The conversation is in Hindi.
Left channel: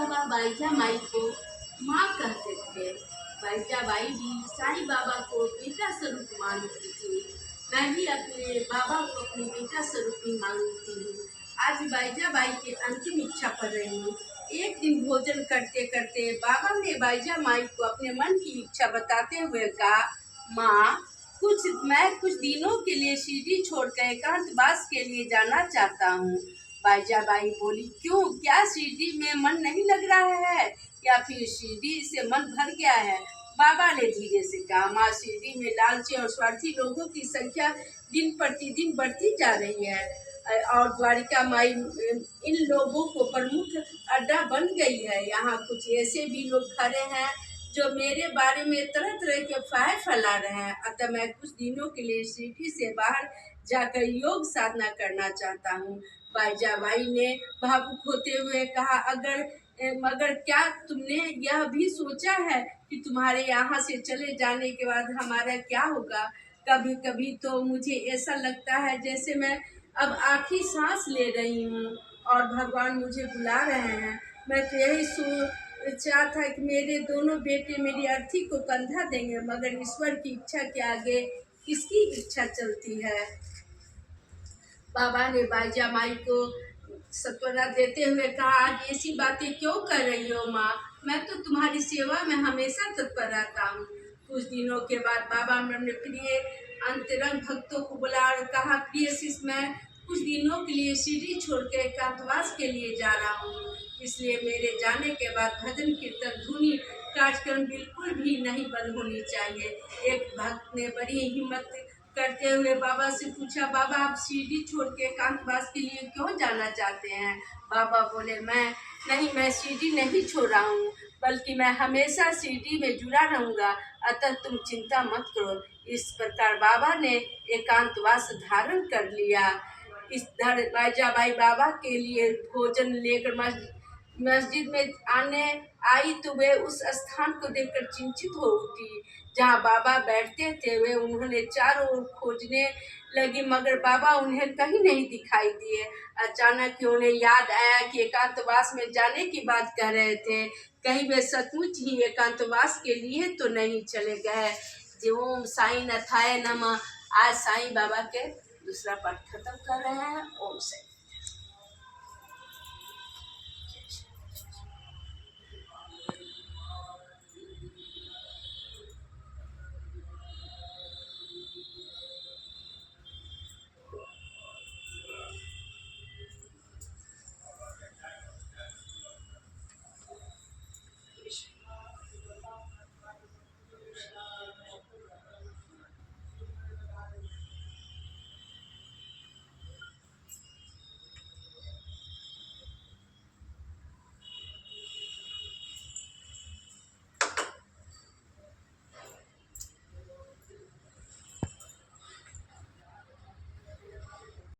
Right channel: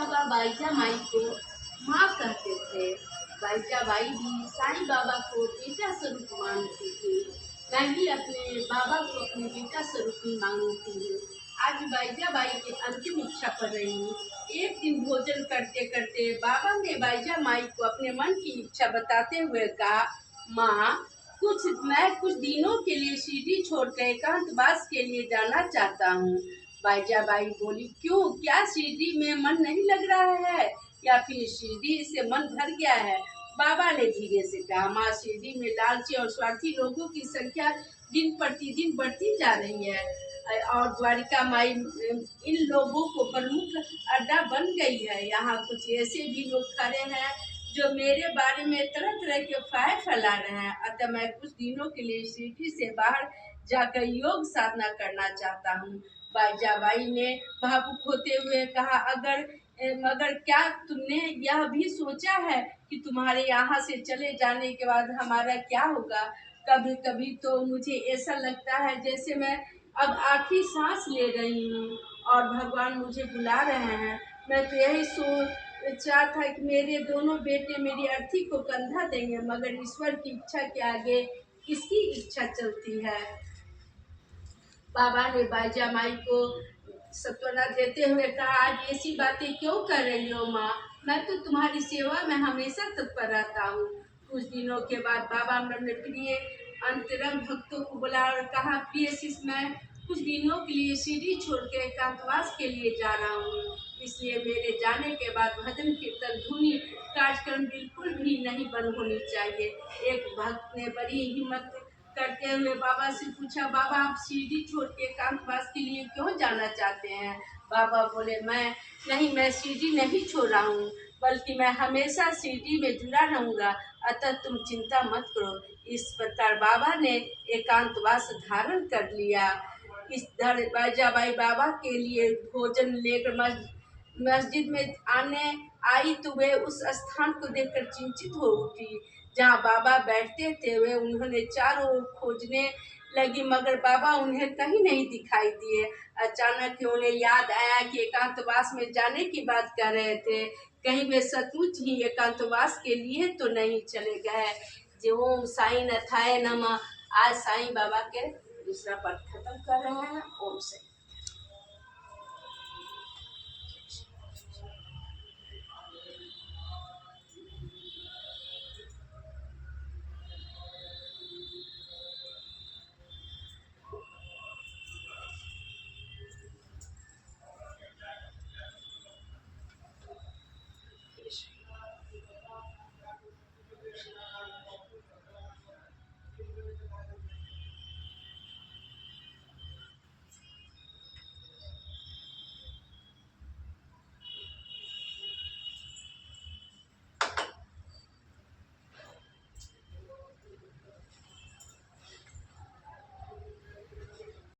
बाबा बाईजा माई को माँ कहते थे। बाईजा बाई भी साईं बाबा को बेटा स्वरूप मानती थी। मैं भी अपने बाबा को अपने बेटा स्वरूप ही मानती हूँ। आज बाईजा बाई की अंतिम इच्छा कर रही हूँ। एक दिन भोजन करते करते बाबा ने बाईजा माई को अपने मन की इच्छा बताते हुए कहा, माँ मैं कुछ दिनों के लिए शिरडी छोड़कर एकांतवास के लिए जाना चाहता हूँ। बाईजा बाई बोली, क्यों, क्या शिरडी में मन नहीं लग रहा है या फिर शिरडी से मन भर गया है? बाबा ने धीरे से कहा, माँ शिरडी में लालची और स्वार्थी लोगों की संख्या दिन प्रतिदिन बढ़ती जा रही है और द्वारिका माई इन लोगों को प्रमुख अड्डा बन गई है। यहाँ कुछ ऐसे भी लोग खड़े हैं जो मेरे बारे में तरह तरह के अफवाहें फैला रहे हैं। अतः मैं कुछ दिनों के लिए शिरडी से बाहर जाकर योग साधना करना चाहता हूँ। बाईजा बाई ने भावुक होते हुए कहा, मगर क्या तुमने यह भी सोचा है कि तुम्हारे यहाँ से चले जाने के बाद हमारा क्या होगा? कभी कभी तो मुझे ऐसा लगता है जैसे मैं अब आखिरी सांस ले रही हूँ और भगवान मुझे बुला रहे हैं। मैं तो यही सोचा था कि मेरे दोनों बेटे मेरी अर्थी को कंधा देंगे, मगर ईश्वर की इच्छा के आगे किसकी इच्छा चलती है? बाबा ने बाईजा माई को सांत्वना देते हुए कहा, आज ऐसी बातें क्यों कर रही हो माँ? मैं तो तुम्हारी सेवा में हमेशा तत्पर रहता हूँ। कुछ दिनों के बाद बाबा अपने प्रिय अंतरंग भक्तों को बुला और कहा, प्रिय शिष्य, मैं कुछ दिनों के लिए शिरडी छोड़ के एकांतवास के लिए जा रहा हूँ, इसलिए मेरे जाने के बाद भजन कीर्तन धुनी कार्यक्रम बिल्कुल भी नहीं बंद होनी चाहिए। एक भक्त ने बड़ी हिम्मत करते हुए बाबा से पूछा, बाबा आप शिरडी छोड़ के एकांतवास के लिए क्यों जाना चाहते हैं? बाबा बोले, मैं शिरडी नहीं छोड़ रहा हूँ, बल्कि मैं हमेशा शिरडी में जुड़ा रहूँगा, अतः तुम चिंता मत करो। इस प्रकार बाबा ने एकांतवास धारण कर लिया। इस बाईजा बाई बाबा के लिए भोजन लेकर मस्जिद में आने आई तो वे उस स्थान को देखकर चिंतित हो उठी जहाँ बाबा बैठते थे। वे उन्होंने चारों ओर खोजने लगी, मगर बाबा उन्हें कहीं नहीं दिखाई दिए। अचानक उन्हें याद आया कि एकांतवास में जाने की बात कर रहे थे, कहीं वे सचमुच ही एकांतवास के लिए तो नहीं चले गए। जी ओम साईं नाथाय नमः। आज साईं बाबा के दूसरा पाठ खत्म कर रहे हैं। ओम साईं।